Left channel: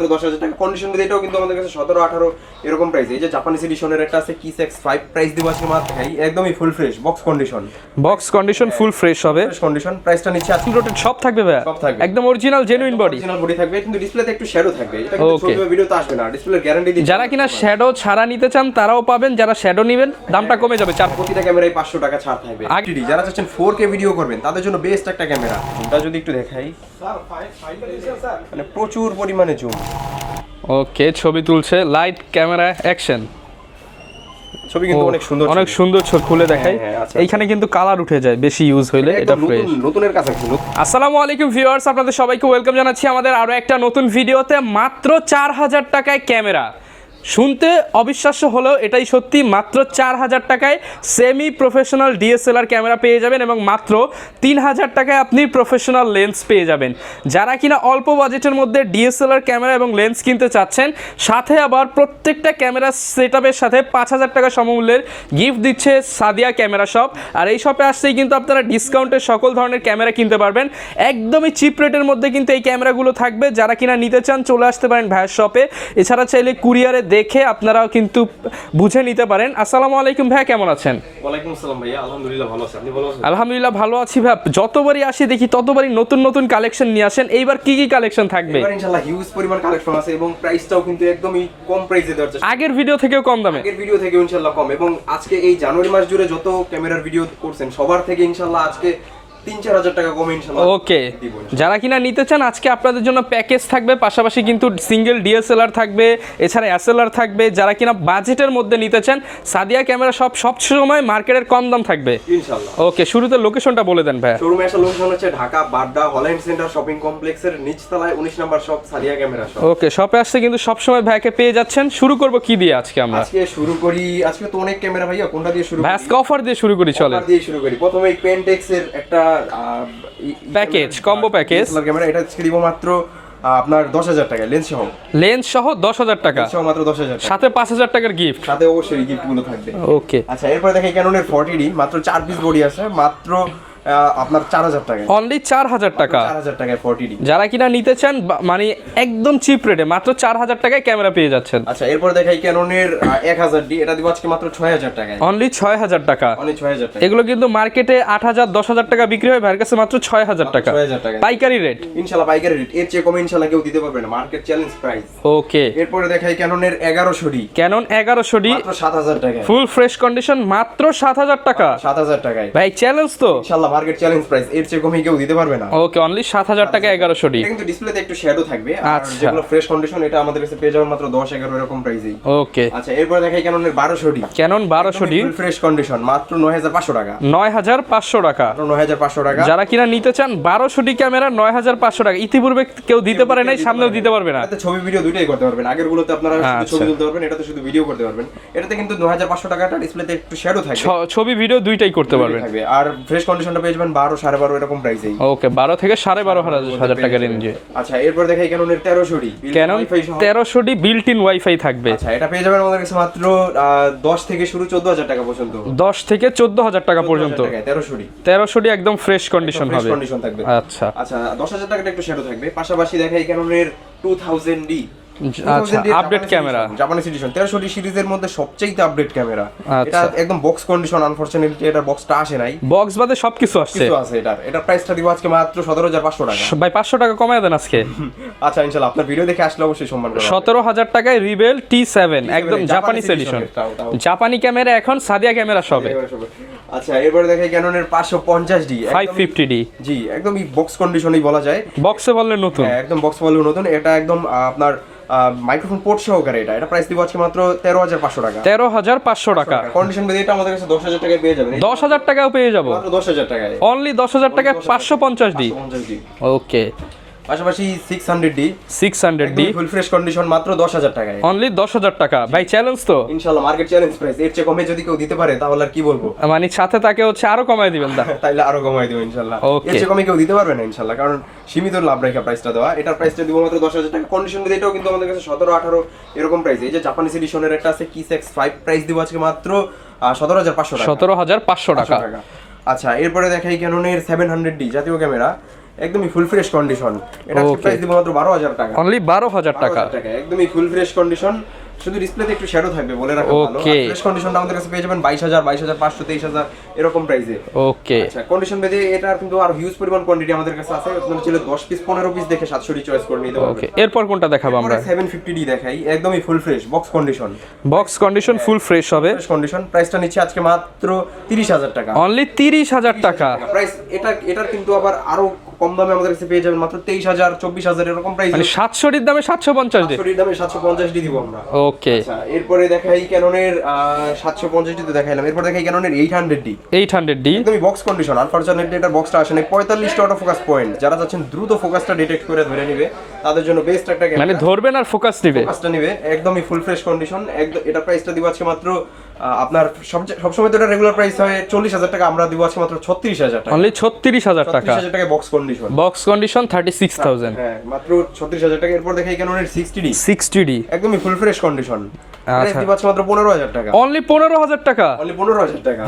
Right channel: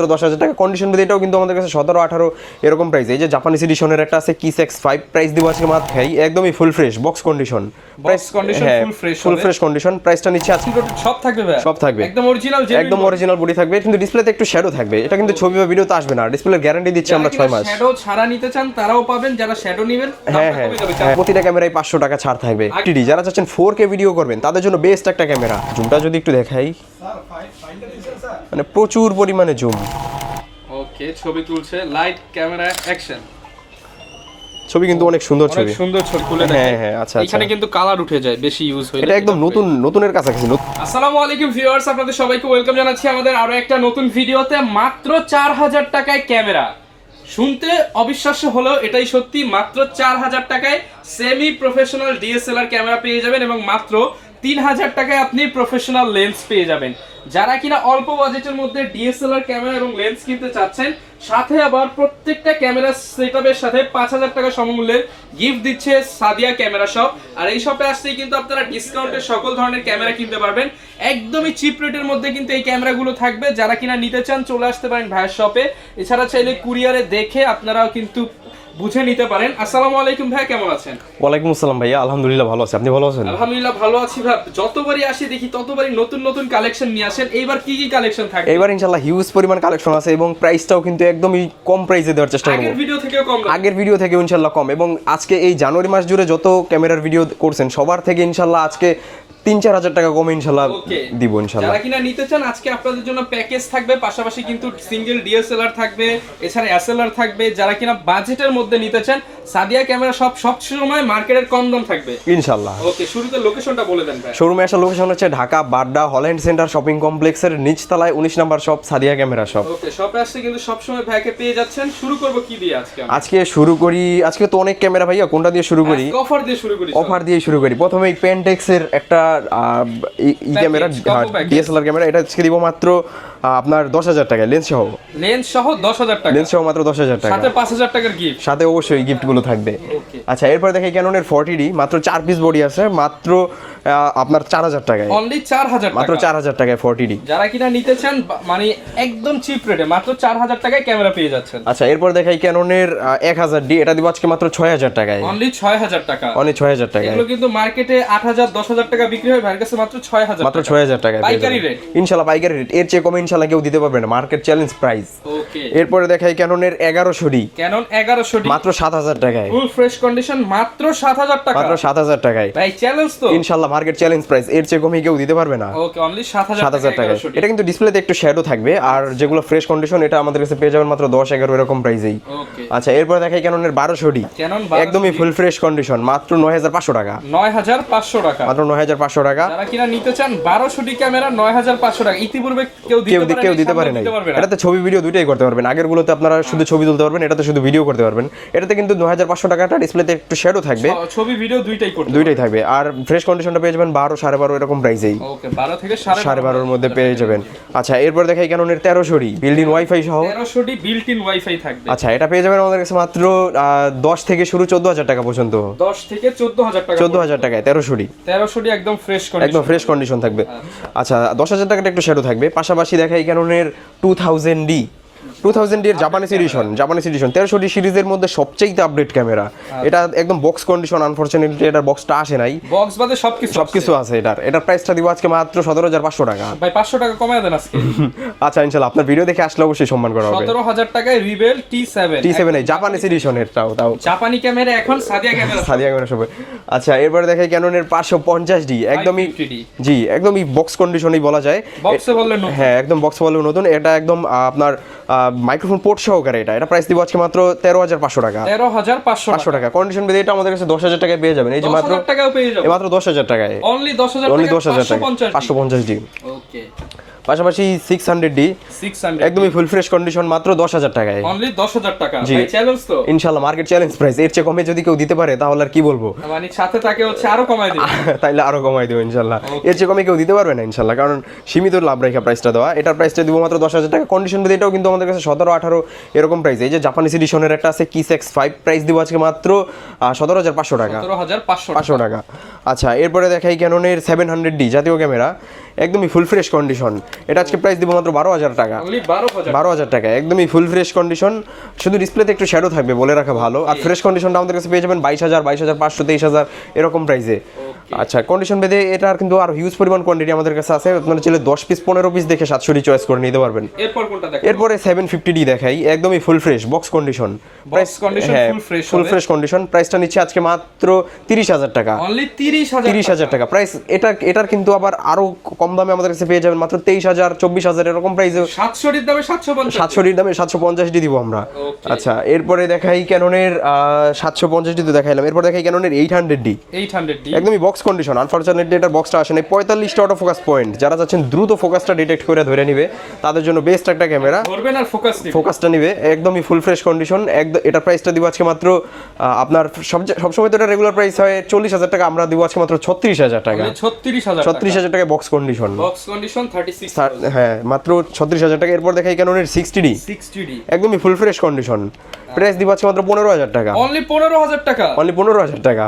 দশ হাজার টাকা কন্ডিশন বেঁধে এটাও কিন্তু আমাদের কাছে সতেরো আঠারো এরকম প্রাইস এই যে জাপানিজ এডিশনের একটা আছে কিস এক্স ফাইভ প্রাইস দিব আজকে মাত্র ভাই একদমই full fresh box condition full fresh full হবে। ফ্রেশ কন্ডিশন প্রাইসটা নিচ্ছে আজকে। সব থাকবে ভাই সব থাকবে। একদম অরিজিনাল জেনুইন একদম অরিজিনাল বডি থাকবে কিন্তু ডিসপ্লেতে একটু শ্যাডো থাকবে। এটা কিন্তু ছবি বা ভিডিওতে আসবে না। ডিসপ্লে গ্যারান্টি দিচ্ছে যারা আমরা কিনা শ্যাডো ছাড়া নিতে চান তারাও পাবেন। যারা শ্যাডো নেবেন দামটা হ্যাঁ, কমে যাবে চার হ্যাঁ, প্রতিটা ক্যামেরায় পাঁচশো টাকা ছাড় থাকবে। TD, যারা চাচ্ছেন ফোর কে ভিডিও করবেন তাদের জন্য বেস্ট একটা ক্যামেরা জুমটা যদি একটু দেখাই। মানে প্রচুর পরিমাণে জুম। ওকে ছবি তুলছে লাইট ক্যামেরা অ্যাকশন ছবি কিন্তু অনেক সুন্দর অনেক সুন্দর ছবি খুলে হ্যাঁ, দেখায় হ্যাঁ, আচ্ছা, এইখানে আচ্ছা। কিন্তু কালার উঠে যায় বেশি ইউজ হইলে এটা একদম নতুন। নতুনের কাছাকাছি look। আসসালামু আলাইকুম ভিউয়ার্স আপনাদের সবাইকে ওয়েলকাম জানাচ্ছি আমাদের আরও একটা নতুন ভিডিওতে মাত্র চার হাজার টাকায় ক্যামেরা শুনতে অবিশ্বাস্য হলেও এটাই সত্যি মাত্র চার হাজার টাকায় সেমি প্রফেশনাল ডিএসএলআর ক্যামেরা পেয়ে যাবেন এবং মাত্র তিন হাজার টাকায় আপনি প্রফেশনাল লেন্স পেয়ে যাবেন। যারা কিনা অল্প বাজেটের মধ্যে ডিএসএলআর ক্যামেরা এবং লেন্স কিনতে চাচ্ছেন সাথে আবার প্রত্যেকটা ক্যামেরা সেটআপের সাথে পাঁচ হাজার টাকা সমমূল্যের গিফট দিচ্ছে সাদিয়া ক্যামেরা শপ আর এই শপে আসতেই কিন্তু আপনারা ডিসকাউন্টে সকল ধরনের ক্যামেরা কিনতে পারবেন। একদমই চিপ রেটের মধ্যে কিন্তু এই ক্যামেরাগুলো থাকবে। যারা কিনা নিতে চান চলে আসতে পারেন ভাইয়ের শপে এছাড়া চাইলে কুরিয়ারে দেখে আপনারা কিন্তু বুঝে নিতে পারেন। আসসালামু আলাইকুম ভাইয়া কেমন আছেন? ওয়ালাইকুম আসসালাম ভাইয়া আলহামদুলিল্লাহ ভালো আছি। আপনি ভালো আছেন? আলহামদুলিল্লাহ ভালো আছি ভাই যতবারই আসি দেখি ততবারই নতুন নতুন কালেকশন নিয়ে আসেন। এইবার কি কি কালেকশন থাকবে? এবার ইনশাআল্লাহ হিউজ পরিমাণ কালেকশন আছে এবং প্রাইসটাও কিন্তু একদমই কম প্রাইসে দেওয়ার চেষ্টা আগের ভিডিও থেকেও কম আগের ভিডিও থেকে ইনশাআল্লাহ কম এবং আজকে এই জানুয়ারি মাস জুড়ে যত ক্যামেরার ভিডিও করছেন সবার থেকে ইনশাআল্লাহ আজকে তিন চার হাজার টাকা কমে ইনশাআল্লাহ ওকে। দিব যারা কিনা নিতে চান আজকে আপনাদের জন্য প্যাকেজ থাকবে পাশাপাশি কিন্তু সিঙ্গেল ডিএসএলআর থাকবে এছাড়া এসএলআর থাকবে। যারা কিনা বাজেটের মধ্যে নিতে চান সাদিয়া ক্যামেরা সব সব সময় মার্কেটের কম দাম থাকবে। ইনশাআল্লাহ ওকে শুরুতে লোকেশনটা বলে দেন ভাই শোরুমে আসার লোকেশন হচ্ছে Dhaka Badda Holland centre shopping কমপ্লেক্সের নিচতলায় উনিশ number shop Sadia camera shop okay শপে আসতে কিন্তু সবসময় ভাইকে পেয়ে যাচ্ছেন। শুরু করব কি দিয়ে আজকে আমরা? আজকে শুরু করি আজকে তো অনেক ক্যামেরা ভাইয়া কোনটা দিয়ে শুরু করি? অফার দিয়ে শুরু করি অফার দিয়ে শুরু করি। প্রথমে পেন্টেক্স এর একটা e- camera combo package DSLR camera এটা আজকে দিব মাত্র আপনার দশ হাজার টাকা লেন্স সহ। লেন্স সহ দশ হাজার টাকা। লেন্স সহ মাত্র দশ হাজার টাকা। সাথে পাঁচ হাজার টাকার গিফট সাথে অবশ্যই গিফটগুলো থাকবে। ওকে আচ্ছা এরপরে দেখি ক্যানোনের ফর্টি ডি মাত্র চার পিস বডি আছে মাত্র আপনার চার হাজার টাকায়। অনলি চার হাজার মাত্র টাকা। চার হাজার টাকায় ফর্টি ডি যারা কিনা নিতে চান মানে একদম চিপ রেটে মাত্র চার হাজার টাকায় ক্যামেরা পেয়ে যাচ্ছেন। আচ্ছা এরপর দেখাই ক্যাননের এক হাজার ডি এটা দিব আজকে মাত্র ছয় হাজার টাকায়। অনলি ছয় হাজার টাকা। অনেক ছয় হাজার টাকা এগুলো কিন্তু মার্কেটে আট হাজার দশ হাজার টাকা বিক্রি হয় ভাইয়ের কাছে মাত্র ছয় হাজার মাত্র টাকা। ছয় হাজার টাকা পাইকারি রেট ইনশাল্লাহ পাইকারি রেট এর চেয়ে কমে ইনশাল্লাহ কেউ দিতে পারবে না। মার্কেট চ্যালেঞ্জ প্রাইস ওকে এরপরে দেখাই ক্যাননের এগারোশো ডি ক্যানন এগারোশো ডি মাত্র সাত হাজার টাকায়। ফুল ফ্রেশ কন্ডিশন মাত্র সাত হাজার টাকা। সাত হাজার টাকায়। ভাই চ্যালেঞ্জ তো। ইনশাল্লাহ মার্কেট চ্যালেঞ্জ প্রাইস এর চেয়ে কমে কেউ দিতে পারবে না। ওকে অনলি সাত হাজার 7,000 টাকা টাকায়। এগারোশো ডি। এটা কিন্তু ডিসপ্লেতে একটু শ্যাডো থাকবে আর আচ্ছা। যেগুলো ফ্রেশ কন্ডিশন এটা আমাদের কাছে পেয়ে যাবেন মাত্র দশ এগারো এরকম প্রাইসেই ওকে। আচ্ছা এরপর দেখাই ক্যাননের বারোশো ডি। ক্যানন বারোশো একদমই ডি। ফুল ফ্রেশ কন্ডিশন মাত্র নয় হাজার পাঁচশো টাকা। নয় হাজার পাঁচশো টাকা। মাত্র নয় হাজার পাঁচশো টাকা। যারা কিনা নিতে চান বারোশো ডি ক্যামেরা নয় হাজার পাঁচশো টাকা। ইতিপূর্বে কেউ দিতে পারে কেউ নাই দিতে পারে দিতে পারবে না। এটাতে ছবি ভিডিও দুইটাই করতে পারবেন। আগের গুলোতে আপনারা শুধু ছবি তুলতে পারবেন এটাতে শুধু ভিডিও করতে পারবেন। এটাতে কিন্তু নয় হাজার পাঁচশো টাকাটা ডিসপ্লেতে একটু শ্যাডো থাকবে। ছবি ভিডিও দুইটাই করতে দুইটাই পারবে। থাকবে। আর ফ্রেশ কন্ডিশনটা পেয়ে যাবেন বারো সাড়ে বারো এরকম প্রাইসেই ওকে বারো থেকে সাড়ে বারো বারোর মধ্যে পেয়ে যাবেন। আচ্ছা এরপর দেখাই ক্যাননের তেরোশো ডি বিল্ডিং ওয়াইফাই সহ? তেরোশো ডি বিল্ট ইন ওয়াইফাই থাকবে। আচ্ছা এটা পেয়ে যাবেন আমাদের কাছে মাত্র দশ থেকে শুরু চোদ্দ হাজার টাকা পর্যন্ত। দশ থেকে চোদ্দ হাজার টাকা চোদ্দ হাজার টাকায় তেরোশো ডি তেরোশো ডি একদম ফ্রেশ কন্ডিশন ফ্রেশ কন্ডিশন থাকবে। আচ্ছা। আচ্ছা দশ হাজার টাকাটা একটু শ্যাডো থাকবে। পাশাপাশি দেখাই ক্যাননের two thousand D two thousand Japanese edition Japanese edition তেরোশো সিরিজের মধ্যে সবচেয়ে আপডেট ক্যামেরা আচ্ছা। এটা একদম বক্স কন্ডিশন আনফরচুনেটলি এটার বক্সটা আসে নাই। বক্স বাদে সবকিছু কিছু আছে এটার। এটার প্রাইসটা দিব আজকে মাত্র সতেরো হাজার পাঁচশো টাকা। ভাই পাঁচশো টাকা কমায় দেন আজকে। আচ্ছা ইনশাল্লাহ আপনার ভিডিও দেখে আসলে অবশ্যই সম্মান করা সতেরো হাজার টাকায় Rebel T seven T seven Japanese edition এটাও তাও জাপানি ক্যামেরা এখন সাদিয়া ক্যামেরা সাদিয়া ক্যামেরা সবাই আচ্ছা দেখাই ক্যাননের পাঁচশো পঞ্চাশ ডি। একদম ফিফটি ডি। জি একদমই বক্স কন্ডিশনই বলা যায়। বক্সে বললে নতুন। হ্যাঁ একদম বক্স বলে নতুন। এটা একদম আপনার মাইক্রোফোন পোর্ট সহকারে এটা। এটা প্রাইস দিব আজকে মাত্র তেরো হাজার পাঁচশো টাকা। তেরো হাজার পাঁচশো টাকা। কন্ডিশন বেঁধে এটা আমাদের কাছে দশ হাজার টাকায় পেয়ে যাবেন। দশ হাজার টাকাও পেয়ে যাবে। মাত্র দশ হাজার টাকায়। অনলি দশ হাজার টাকা 10,000 পাঁচশো। পঞ্চাশ পাঁচশো 550 ডি। ওকে পাশাপাশি six hundred D six hundred full fresh condition মাত্র দশ হাজার টাকায়। অনলি দশ হাজার টাকা। ভাই চ্যালেঞ্জ তো। ইনশাল্লাহ মার্কেট চ্যালেঞ্জ প্রাইস এর চেয়ে কমে যদি কেউ দিতে পারে তাহলে আর কি বলব? মানে সাথে তাকে হচ্ছে আরও কমায় দিবেন। তাইলে আরও কমাই দেবো ইনশাল্লাহ। এর চেয়ে কমে কেউ দিতে পারবে না ইনশাল্লাহ কারণ সীমিত লাভ রেখা প্রাইসটা দেওয়া। এটার প্রাইসটা দিব মাত্র দশ হাজার টাকা। কন্ডিশন বেঁধে এটাও কিন্তু আমাদের কাছে সতেরো আঠারো এরকম প্রাইস এই যে জাপানিজ এডিশনের একটা আছে কিস এক্স ফাইভ প্রাইস দিব আজকে মাত্র সতেরো হাজার পাঁচশো টাকা। সতেরো হাজার পাঁচশো পাঁচশো টাকা। টাকা আচ্ছা এরপরে দেখাই ক্যাননের সেভেন হান্ড্রেড ডি জাতীয় ক্যামেরা একদমই ফুল ফ্রেশ কন্ডিশন এটা আজকে প্রাইস দিব মাত্র বারো হাজার টাকা। অনলি বারো হাজার বারো টাকা হাজার টাকা একদমই ফুল ফ্রেশ কন্ডিশন শুধু ডিসপ্লেতে একটু শ্যাডো থাকবে বলে রাখা ভালো। আর ফ্রেশ কন্ডিশনটা আমাদের কাছে পেয়ে যাবেন বাইশ হাজার বাইশ হাজার পাঁচশো তেইশ হাজার এরকম প্রাইসে ওকে আচ্ছা কন্ডিশন বেঁধে এটার কিন্তু আর হিউজ পরিমাণ কোয়ান্টিটি আমাদের কাছে আছে। আপনারা চাইলে দশ পিস পনেরো পিস দেখে সাতশোটি চয়েস করে নিতে পারবেন। এরপর কোনটা দেখাবো এরপরে সেভেন ফিফটি ডি দেখাই। একদমই full fresh box condition Box condition, full fresh full fresh condition প্রাইসটা নিচ্ছে আজকে মাত্র তিরিশ হাজার টাকা। অনলি তিরিশ হাজার তিরিশ হাজার টাকা। প্রাইস এটা এটার কিন্তু আবার আরও কম দামে আমাদের কাছে পেয়ে যাবেন মাত্র তেইশ হাজার চব্বিশ হাজার এরকম প্রাইস সাতশোটির দামে সাতশো পঞ্চাশ সাতশোটির দামে সাতশো পঞ্চাশটি দিব আমরা। Okay. আচ্ছা এরপরে দেখাই ক্যাননের সাতশো পঞ্চাশটি তো দেখাইলাম। এরপর দেখাই ক্যাননের eight hundred D eight hundred D একদমই বক্স কন্ডিশন আনফরচুনেটলি এটা বক্সটা আসে নাই পঁয়তাল্লিশটা অটো ফোকাস পয়েন্ট যারা চাচ্ছেন দ্রুত ফোকাসটা ডিটেক্ট করে ধরে নিবে। তাদের জন্য বেস্ট একটা মানে ক্যামেরা ধরবেন আর ফোকাস নিবে। ফোকাসটা নিবে। একদমই ফুল ফ্রেশ কন্ডিশন একদম এটার প্রাইসটা দিব আজকে মাত্র আপনার সবসময় তো এটা রেগুলার প্রাইস হয় চল্লিশ হাজার টাকা। আমরা দিব আজকে মাত্র ছত্রিশ হাজার টাকা। ছত্রিশ হাজার টাকা। ছত্রিশ হাজার টাকা box condition condition box condition 36000 হ্যাঁ মাত্র 36000 টাকা। এরপর ক্যানোনের 60D 60D একদমই ফুল ফ্রেশ কন্ডিশন প্রাইস মাত্র 15000 টাকা। অনলি 15000 টাকা। অনলি 15000 টাকা।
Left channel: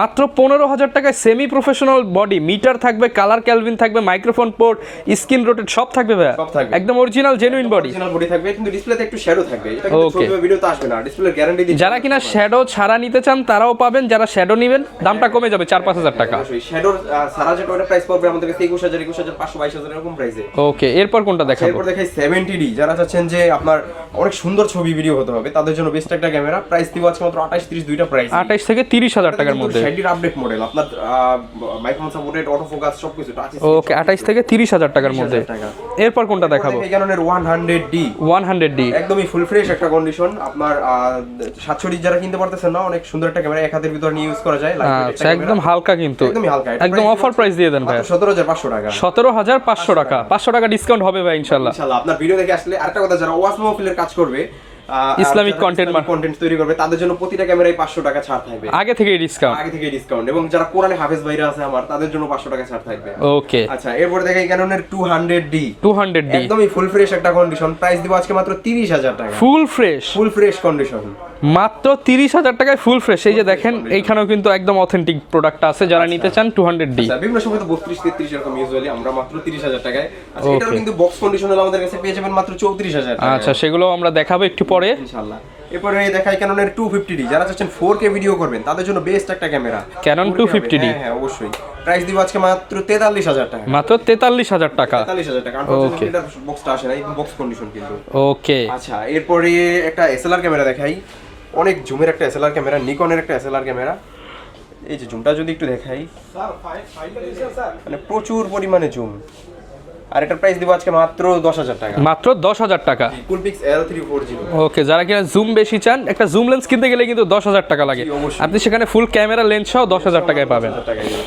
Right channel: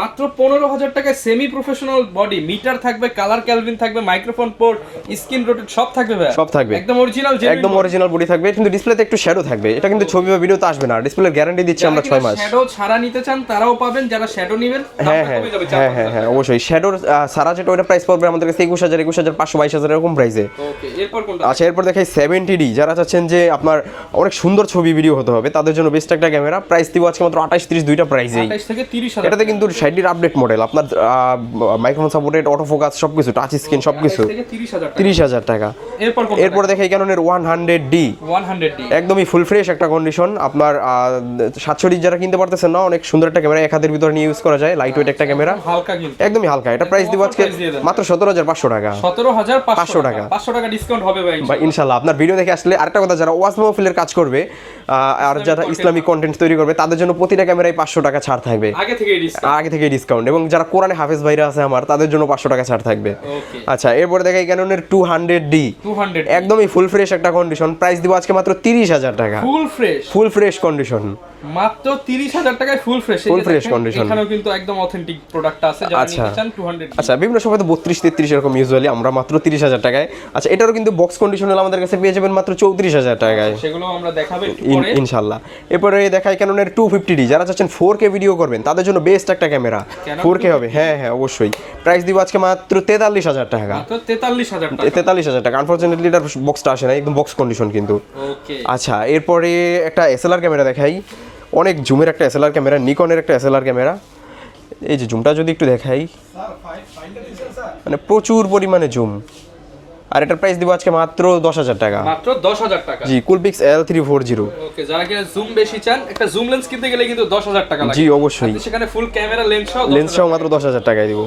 মাত্র 15000 টাকায় সেমি প্রফেশনাল বডি মিটার থাকবে কালার থাকবে মাইক্রোফোন পোর্ট স্ক্রিন রোটেট সব থাকবে ভাই। সব থাকবে। একদম অরিজিনাল জেনুইন একদম অরিজিনাল বডি থাকবে কিন্তু ডিসপ্লেতে একটু শ্যাডো থাকবে। এটা কিন্তু ছবি বা ভিডিওতে আসবে না। ডিসপ্লে গ্যারান্টি দিচ্ছি আমরা কিনা শ্যাডো ছাড়া নিতে চান তারাও পাবেন। যারা শ্যাডো নেবেন হ্যাঁ, দামটা হ্যাঁ। কমে যাবে 4-5000 হ্যাঁ, টাকা। অবশ্যই। শ্যাডো ছাড়া যেটা ওটা প্রাইস পড়বে আমাদের কাছে 21000 চব্বিশ হাজার পাঁচশো বাইশ হাজার এরকম প্রাইসে ওকে এরপর কোনটা আচ্ছা এরপর দেখাই সেভেন্টি ডি যারা চাচ্ছেন যে আপনার অনেক সুন্দর ছবি ভিডিও হতে হবে তাদের জন্য বেস্ট একটা ক্যামেরা প্রাইস দিব আজকে মাত্র আঠাশ তিরিশ দুইটা প্রাইস আঠাশ থেকে তিরিশ হাজার টাকা কিন্তু ষাটির আপডেট মডেল আপনার microphone supported auto focus touch screen থেকে তিরিশ হাজার টাকা তিরিশ হাজার টাকা। এরপর এরপর দেখাই ক্যাননের one hundred D one hundred D একদমই ফুল ফ্রেশ একটা কন্ডিশন আপনার সাতশো যারা কিনতে পারতেছেন না অনেক সুন্দর একটা ক্যামেরা এক হাতের ভিতরে নিয়ে ইউজ করা যায় লাইট ওয়েট একটা আচ্ছা, ক্যামেরা হালকা কিন্তু। একদমই হালকা। এটা প্রাইস দিব মাত্র সতেরো হাজার পাঁচশো টাকা। সতেরো হাজার পাঁচশো টাকা। পাঁচশো টাকা ডিসকাউন্ট হবে ভাই ইনশাল্লাহ। আপনার ভিডিও দেখে আসলে আরেকটা কথা যারা ওয়াস মাহফিলের কাজ করবে ইসলামিক কন্টেন্ট তৈরি করবে তাদের জন্য প্রতিটা ক্যামেরায় পাঁচশো টাকা ছাড় থাকবে। আগে থেকে ডিসকাউন্ট আগে থেকে ডিসকাউন্ট এবং যারা কোরআনে হাফিজ ভাইরা আছে আমার তাদের জন্য পাঁচশো টাকা ছাড় থাকবে। ওকে আচ্ছা এরপরে ক্যাননের two hundred D two hundred একদমই ফুল ফ্রেশ একটা কন্ডিশন প্রাইস দিব আজকে মাত্র তিরিশ হাজার টাকা। Full fresh full fresh condition মাত্র তিরিশ হাজার টাকায় ফুল ফ্রেশ এই যে দেখেন এখানেও কিন্তু একদম অথেন্টিক প্রোডাক্ট আছে। যারা আচ্ছা। নিতে চান টু হান্ড্রেড ডি আচ্ছা বিভিন্ন সময় তো বত্রিশ তেত্রিশ এরকম ইউজুয়ালি আমরা মাত্র তিরিশ হাজার টাকায়। আচ্ছা এটারও কিন্তু বক্স কন্ডিশনাল আমাদের কাছে পেয়ে যাবেন মাত্র চৌত্রিশ হাজার টাকা আচ্ছা সেগুলো আমরা দেখাবো একটু পরে ইনশাল্লাহ। এরপরে দেখাই ক্যাননের টু ফিফটি ডি যারা চাচ্ছেন ফোর কে ভিডিও করবেন তাদের জন্য বেস্ট একটা ক্যামেরা Canon 250D হ্যাঁ হ্যাঁ অবশ্যই। প্রাইস দিব আজকে মাত্র তেতাল্লিশ হাজার টাকা। মাত্র তেতাল্লিশ হাজার টাকা। তেতাল্লিশ হাজার টাকা। আনফর্চুনেটলি এটার বক্সটা আসে না একদম বক্স কন্ডিশন কিন্তু। ওকে আচ্ছা এরপরে একটা এসএলআর ক্যামেরা দেখাই। অনেক জুমের একটা এসএলআর ক্যামেরা নিকনের একটা এসএলআর ক্যামেরা এই যে জুমটা যদি একটু দেখাই। মানে প্রচুর পরিমাণে জুম আর এটার প্রাইস দিব আজকে মাত্র দশ হাজার টাকা। মাত্র দশ হাজার টাকা। G Coolpix L three four zero okay যারা কিনা জুম বেশি চান একটা জুম লেন্স কিনতে গেলে কিন্তু দশ হাজার টাকা লাগে। জি, অবশ্যই। আপনি সেখানে ফুল ক্যামেরা লেন্স সহ দশ হাজার টাকায় দশ পাবেন। হাজার টাকায় দিব।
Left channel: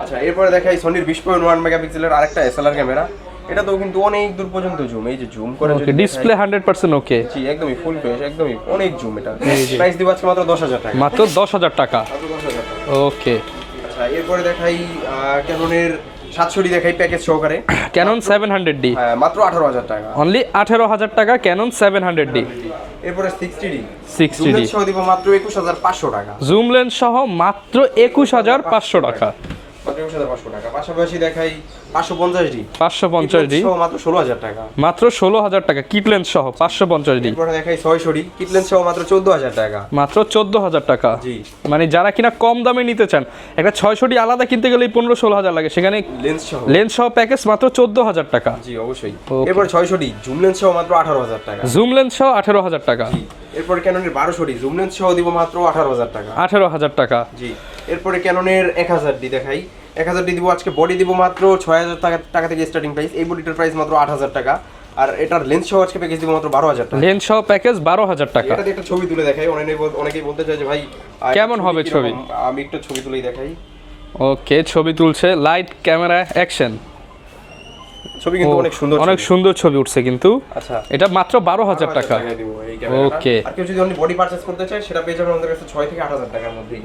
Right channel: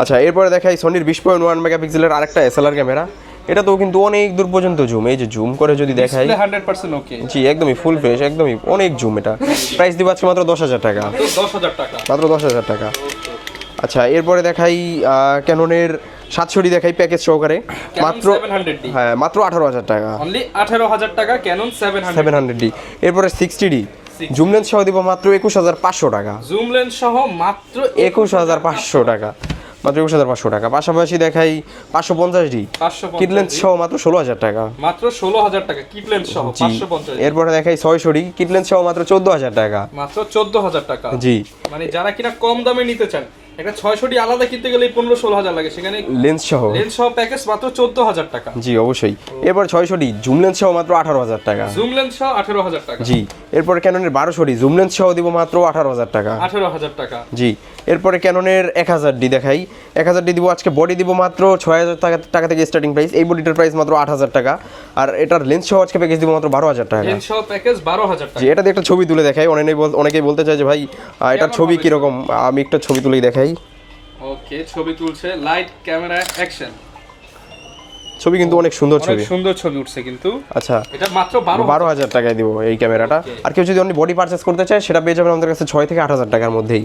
আচ্ছা এরপরে দেখাই সোনির বিশ পয়েন্ট ওয়ান মেগাপিক্সেলের আরেকটা এসএলআর ক্যামেরা এটা তো কিন্তু অনেক দূর পর্যন্ত জুম এই যে জুম করে যদি দেখাই। Display hundred percent okay G একদমই ফুল ফ্রেশ একদমই অনেক জুম এটা। প্রাইস দিব আজকে মাত্র দশ হাজার টাকা। মাত্র দশ হাজার টাকা। মাত্র দশ হাজার টাকা। ওকে আচ্ছা এরপরে দেখাই ক্যাননের সাতশোটি দেখাই প্যাকেজ সহকারে। ক্যানন মাত্র- সেভেন হান্ড্রেড ডি হ্যাঁ মাত্র আঠারো হাজার টাকা। অনলি আঠেরো হাজার টাকা Canon seven seven hundred hundred D এরপরে sixty D 60D zoom lens সহ দিব মাত্র একুশ হাজার পাঁচশো টাকা। জুম লেন্স সহ মাত্র একুশ হাজার পাঁচশো টাকা। মাত্র একুশ হাজার পাঁচশো টাকা। পাশাপাশি দেখাই পাঁচশো পঞ্চাশ ডি। পাঁচশো পঞ্চাশ ডি। সহ মাত্র ষোলো হাজার টাকা। মাত্র ষোলো হাজার টাকা। সহ পাঁচশো পঞ্চাশ এরপরে দেখাই ছয়শো ডি। সহ মাত্র চোদ্দ হাজার টাকা। মাত্র চোদ্দ হাজার টাকা। জি। মানে যারা কিনা কম দামে নিতে চান একটা ছয়শোটি আলাদা কিনতে গেলে পনেরো ষোলো হাজার লাগে। সেখানে লেন্স সহ। লেন্স সহ প্যাকেজ মাত্র চোদ্দ হাজার টাকা। জি অবশ্যই। এরপর ছয়শো ডি। জুম লেন্স সহ মাত্র আঠারো হাজার টাকা। জুম লেন্স সহ আঠেরো হাজার টাকা। জি। এরপরে ক্যাননের বারোশো ডি। জুম লেন্স সহ দিব মাত্র আঠারো হাজার টাকা। আঠারো হাজার টাকা। জি। এরপরে ক্যাননের এক হাজার ডি দেখাই। এক হাজারটি দিব আজকে বডি দিব মাত্র ছয় হাজার টাকা টাকা থেকে স্টার্টিং প্রাইস এই বডিটার প্রাইস মাত্র আট হাজার টাকা। আর এটার লেন্স সহ আজকে প্যাকেজ দিব মাত্র বারো হাজার টাকা। লেন্স সহ প্যাকেজ বারো হাজার টাকা। এটাতে একটা ছবি তুলে দেখাই। অনেকেই অনেকেই বলতে চায় যে ভাই কেমন ছবি কীরকম? আমি একটা ছবি তুলেই দেখাই। ওকে ছবি তুলছে লাইট ক্যামেরা অ্যাকশন ছবি কিন্তু অনেক সুন্দর অনেক সুন্দর ছবি উঠছে কিন্তু। আচ্ছা। এটা মাত্র বারো হাজার হাজার টাকায় দিব এই ক্যামেরাটা আর কেউ যদি অনলি বডি পারচেস করতে চায় সেটা পেয়ে যাবেন আমাদের কাছে ছয় থেকে আট হাজার টাকার মধ্যেই।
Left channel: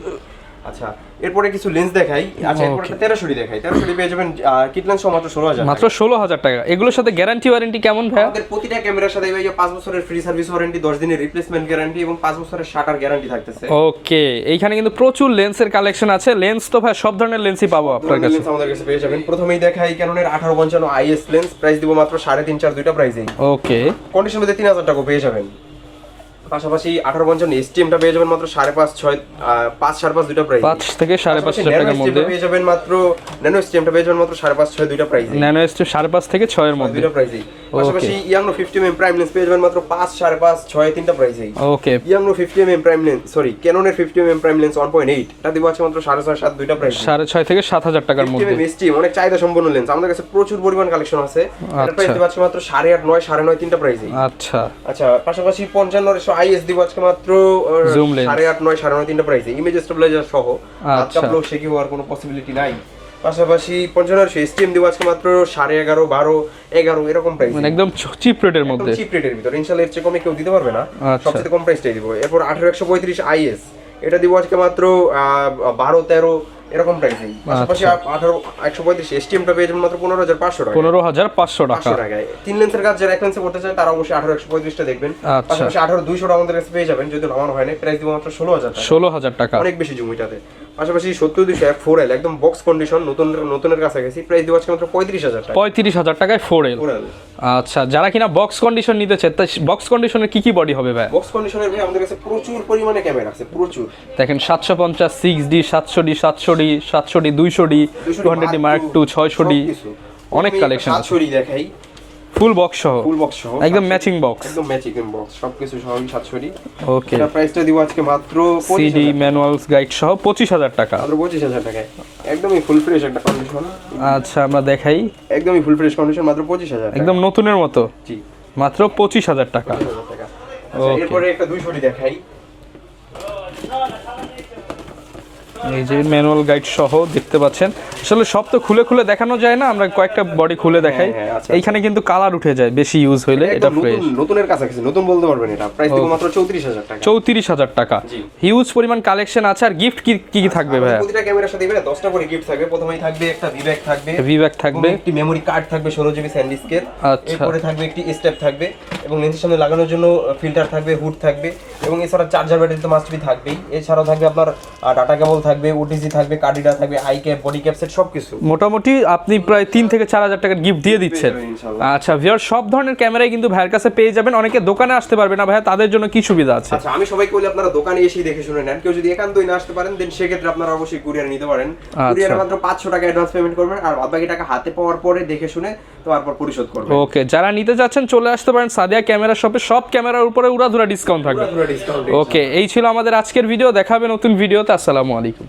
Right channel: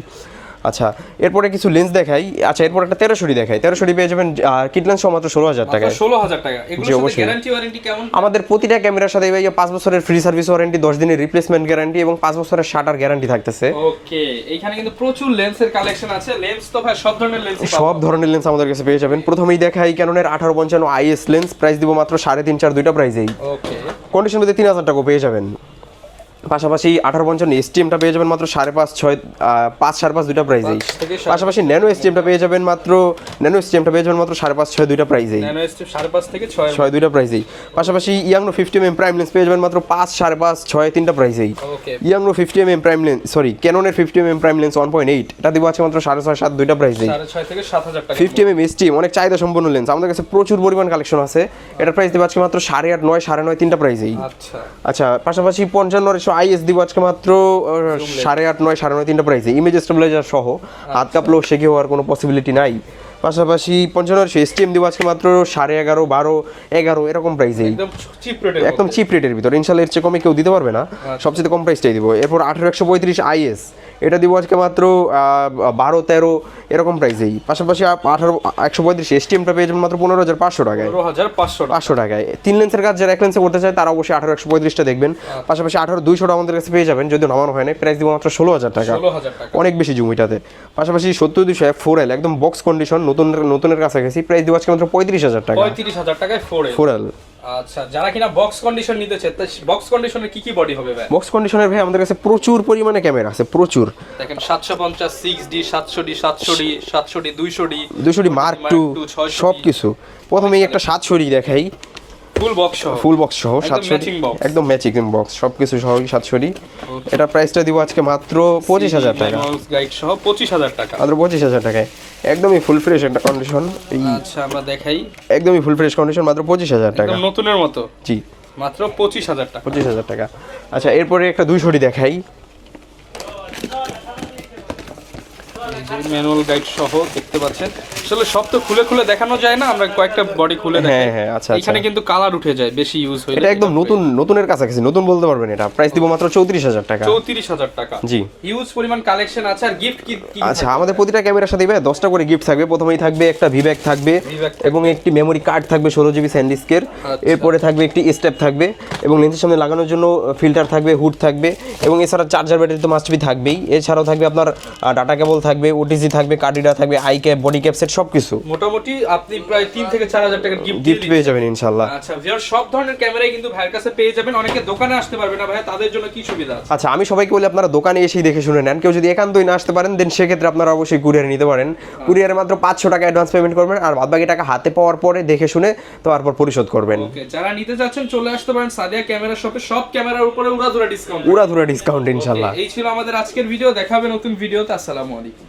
আচ্ছা এরপরে কিছু লেন্স দেখাই। আচ্ছা এরপর একটা তেরোশোটি দেখাই। তেরোশোটি পেয়ে যাবেন কিট লেন্স মাত্র ষোলো হাজার টাকা ষোলো হাজার টাকা। এগুলোর সাথে গ্যারান্টি ওয়ারেন্টি কেমন ভাই? আমাদের প্রতিটা ক্যামেরার সাথে ভাইয়া পাঁচ বছরের ফ্রি সার্ভিস ওয়ারেন্টি দশ দিনের রিপ্লেসমেন্ট গ্যারান্টি এবং পাঁচ বছরের শাটার গ্যারান্টি থাকতেছে। ওকে এইখানে কিন্তু প্রচুর লেন্সের কালেকশন আছে। লেন্স তো ভাই সব ধরনের লেন্সই পাবো সব ধরনের লেন্স আমাদের কাছে পেয়ে যাবেন। প্রথমেই দেখাই ক্যাননের আঠারো পঞ্চান্ন আইএস লেন্স প্রাইস দিব মাত্র সাড়ে তিন চার দুইটা প্রাইসেই ওকে। কন্ডিশন মধ্যে তিন হাজার টাকা পেয়ে যাবেন। পাশাপাশি আঠারো পঞ্চান্ন পেয়ে যাবেন মাত্র সাড়ে পাঁচ ছয় পাঁচ সাড়ে পাঁচ দুইটা প্রাইস থেকে পাশাপাশি ন্যানো পেয়ে যাবেন মাত্র ন্যানো পেয়ে যাবেন মাত্র সাড়ে পাঁচ ছয় দুইটা প্রাইসে ন্যানো সাড়ে পাঁচ থেকে ছয় দুইটা প্রাইসেই পাশাপাশি ইয়াংনো ফিফটি এম প্রাইম লেন্স পেয়ে যাবেন মাত্র পাঁচ সাড়ে পাঁচ ছয় তিনটা okay ইয়াংনো fifty M prime lens sorry ক্যাননের fifty M prime lens one point eight এটা দিব আছে মাত্র সাড়ে ছয় সাত দুইটা প্রাইসে সাড়ে ছয় থেকে সাত হাজার টাকার ফিফটি এম অনেক চাহিদা সম্পন্ন লেন্স আমাদের কাছে প্রচুর পরিমাণ কালেকশন আছে। এটা প্রাইস আচ্ছা। দিব আজকে মাত্র সাড়ে আট নয় সাড়ে নয় তিনটা প্রাইসেই আচ্ছা। আচ্ছা পাশাপাশি পঞ্চান্ন আইএস দিব আজকে মাত্র। সাড়ে আট নয় সাড়ে নয় তিনটা প্রাইসে ইমেজ স্টেবিলাইজার সহ। হাত আচ্ছা। হওয়ার কোনো পসিবিলিটি নাই। পাশাপাশি পঞ্চান্ন এসটিএম দিব আজকে মাত্র সাড়ে এগারো বারো এগারো এরকম প্রাইস মানে একদম চিপ রেটের একদম চিপ রেটের ভিতর। ইনশাল্লাহ এর চেয়ে কমে কেউ দিতে পারবে না। আচ্ছা। সবচেয়ে কম প্রাইসটাই দিব। এরপর আঠারো একশো পঁয়ত্রিশ আইএস এটা দিব আজকে মাত্র বারো তেরো এরকম প্রাইসেই পাশাপাশি আঠারো একশো পঁয়ত্রিশ এসটিএমটা পেয়ে যাবেন মাত্র পনেরো হাজার পাঁচশো টাকা পনেরো হাজার পাঁচশো পাঁচশো টাকায়। তিন লেন্সের কাজ যারা এক লেন্সে করতে চায় তারা অবশ্যই আঠারো একশো পঁয়ত্রিশটা দেখবেন। আচ্ছা। পাশাপাশি আঠারো দুইশোটা আমাদের কাছে পেয়ে যাবেন যদি নামানো হয় না প্রাইস দিব মাত্র ষোলো হাজার টাকা। ষোলো হাজার টাকা। অনেক বেশি জমিটাতে। পাশাপাশি সত্তর দুশো এফ ফোর এল একদম বক্স কন্ডিশন নতুন নতুনের কাছাকাছি প্রাইস দিব আজকে মাত্র পঁয়ত্রিশ হাজার টাকা। পঁয়ত্রিশ হাজার টাকায় ফোর এল ফোর এল আচ্ছা যারা কিনা বক্স কন্ডিশন নিতে চায় বক্স কন্ডিশনের কি কি বডি হবে ভাই? বক্স কন্ডিশনের ভাই আমাদের কাছে প্রচুর পরিমাণে ক্যামেরা আছে প্রচুর। দেখেন সাতশো পঞ্চাশ সিক্স ডি সাতশো ডি সাতশো ডি সাতশো ডি দুইশো ডি দুশো ডি মার্ক টু ছয়শো ডি সবকিছু। প্রথমে একটা সাতশো ডি দেখাই। ফুল বক্স সহ? ফুল বক্স সহ একদম 700 matching box। একদম ম্যাচিং বক্স সবকিছু সহ সাতশো ডি ওকে এটা প্রাইসটা দিব আজকে মাত্র পঁচিশ সিডি হাজার টাকা। ম্যানুয়াল গাইড সহ পঁচিশ হাজার টাকা। মাত্র পঁচিশ হাজার টাকায়। একদমই ফুল ফ্রেশ একটা কন্ডিশন আচ্ছা আমরা দেখাই। একদমই ফুল ফ্রেশ কন্ডিশন মাত্র পঁচিশ হাজার টাকা। একদম নতুনের মতো? জি। মাত্র পঁচিশ হাজার টাকা। পঁচিশ হাজার টাকা। আচ্ছা এরপরে একটা দুইশোটি দেখাই। এই যে ম্যানুয়াল গাইড সহ দেখতে পাচ্ছেন। আসলে সব তো খুলে খুলে দেখানো যায় না আমরা কয়েকটা বডি খুলে হ্যাঁ, দেখাই। হ্যাঁ, আচ্ছা, এইখানে কিন্তু কালার উঠে যায় বেশি ইউজ হইলে এটা একদম নতুন নতুনের কাছাকাছি নতুন বলতে পারবেন এটা। প্রাইস দিব মাত্র চৌত্রিশ হাজার টাকা। চৌত্রিশ হাজার টাকা। জি। হিউজ পরিমাণ কালেকশন আছে আর গিফট কি কি আচ্ছা থাকবে আমাদের প্রতিটা ক্যামেরার সাথে ভাই দশটা করে গিফট থাকবে। প্রথমেই থাকবে একটা ভিব্যাক থাকবে VBAC থাকবে। এবং একটি মেমরি কার্ড থাকবে ষোলো জিবি স্যান্ডিস্কের আচ্ছা। এরপরে থাকবে একটি স্টেপ থাকবে এবং লেন্সের সামনে লাগানোর জন্য ফিল্টার থাকবে হুড থাকবে এবং এছাড়া চার্জার ব্যাটারি তো মাস্ট বি থাকবেই। এছাড়াও থাকবে আপনার ডাটা কেবল থাকবে ওটিসি থাকবে কার্ডিডা থাকবে eye cap body cap set সবকিছু। মোটামুটি আপনি প্রায় তিন থেকে চার হাজার টাকার গিফট দিয়ে দিচ্ছেন। যাবেন ইনশাল্লাহ। আচ্ছা ভিউয়ার সব ধরনের ক্যামেরাই কিন্তু ভাইয়ের কাছে পেয়ে যাবেন। অনেকে দোকানে আসতে পারবে না ভাই তাদের জন্য কি সুবিধা আছে? আচ্ছা আমি সবাইকে বলি আপনারা দোকানে এসেই দেখে শুনে নেন। কেউ যদি একান্তই না আসতে পারেন দেন সেক্ষেত্রে আপনারা অবশ্যই কুরিয়ার নিতে পারেন। আচ্ছা। কুরিয়ারে মাত্র পাঁচশো টাকা অ্যাডভান্স পেমেন্ট করবেন আর বাদ বাকি টাকা হাতে পাওয়ার পরে দেখে শুনে তারপর পরিশোধ করবেন। ওকে যারা নিতে যাচ্ছেন চলে আসতে পারেন সাদিয়া ক্যামেরা শপে। সব ক্যামেরার উপরে উড়াধুরা ডিসকাউন্ট পুরা ধুরা ডিসকাউন্ট ওকে এই ছিল আমাদের আজকের ভিডিও দেখা হবে নতুন ভিডিওতে আসসালামু আলাইকুম।